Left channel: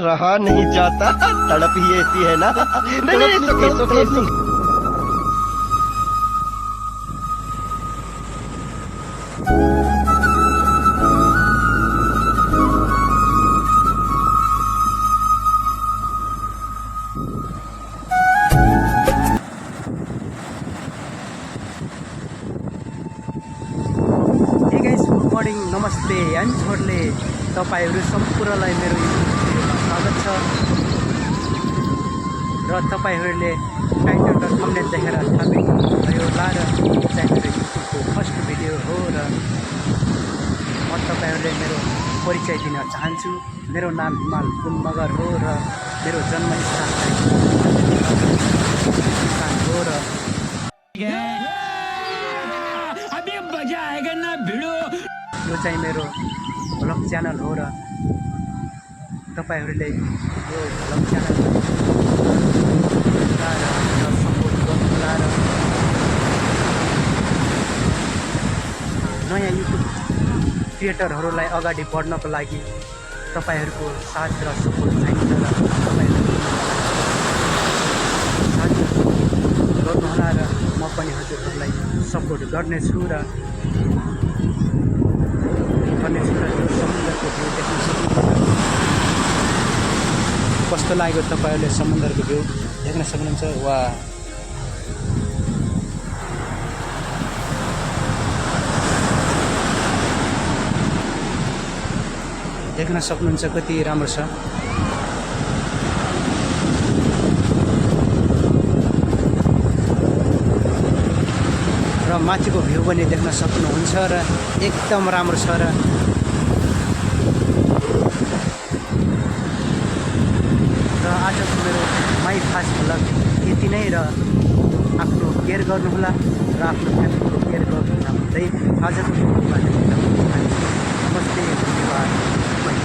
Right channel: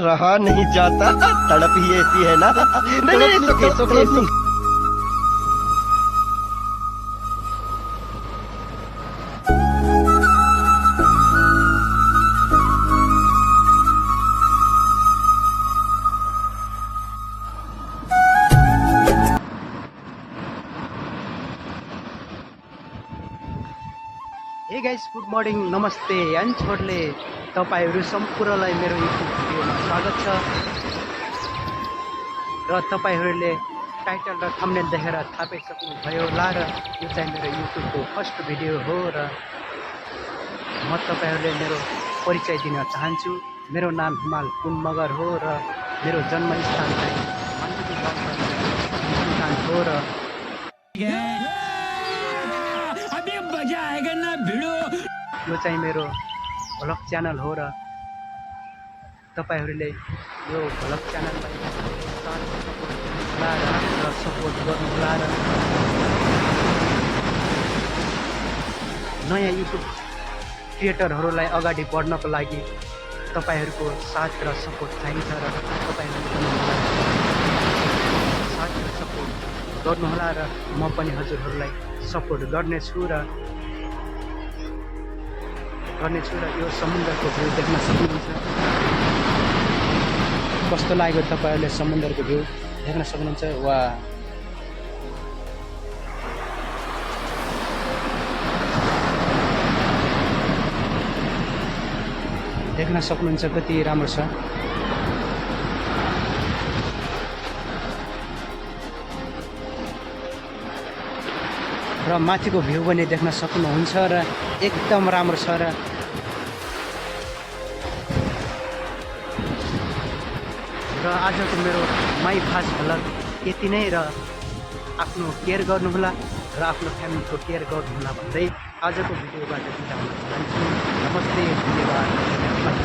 रहा नहीं जाता, तड़प ही ऐसी है ना। नहीं, नहीं, हे गाइस, गुड मर्निङ, नमस्ते एन्ड छोडले तपाईँहरू सम्पूर्णलाई मेरो युट्युब भिडियोमा स्वागत छ। र तपाईँहरूले टाइटल र थम्बनेल देखेर थाहा भयो होला र यो चाहिँ मेरो युट्युबको फर्स्ट भिडियो हो र म तपाईँहरूले मेरो परिचय दिन चाहन्छु। मेरो नाम हिमाल कुन मगर हो र मेरो जन्मस्थान चाहिँ स्थान हो र यो चाहिँ मेरो भ्लग च्यानल हो र तपाईँहरूले यो भ्लग च्यानलमा होला र सपोर्ट गर्नुहोला र नयाँ युट्युब क्रिएटरहरूलाई अगाडि बढ्नको लागि तपाईँहरूको साथ र सपोर्ट चाहिन्छ र तपाईँहरूले पनि मलाई साथ र सपोर्ट गर्नुहोला र म पनि हजुरहरूलाई सपोर्ट गर्नेछु र यो समुद्रको भ्यू देख्न सक्नुहुन्छ। कस्तो लाग्यो तपाईँहरूले समुद्रको भ्यू देख्न सक्नुहुन्छ। वा देख्न सक्नुहुन्छ कति राम्रो छ। र माथिको भ्यू पनि देख्न सक्नुहुन्छ र एकदम राम्रो छ। र आजको मेरो माई फास्ट भ्लग यति नै र आफ्नो केयर गर्नुहोला र आफ्नो फ्यामिलीको केयर गर्नुहोला भन्दै आजको भिडियोबाट बिदा हुन चाहन्छु। नमस्ते, धन्यवाद, बाई।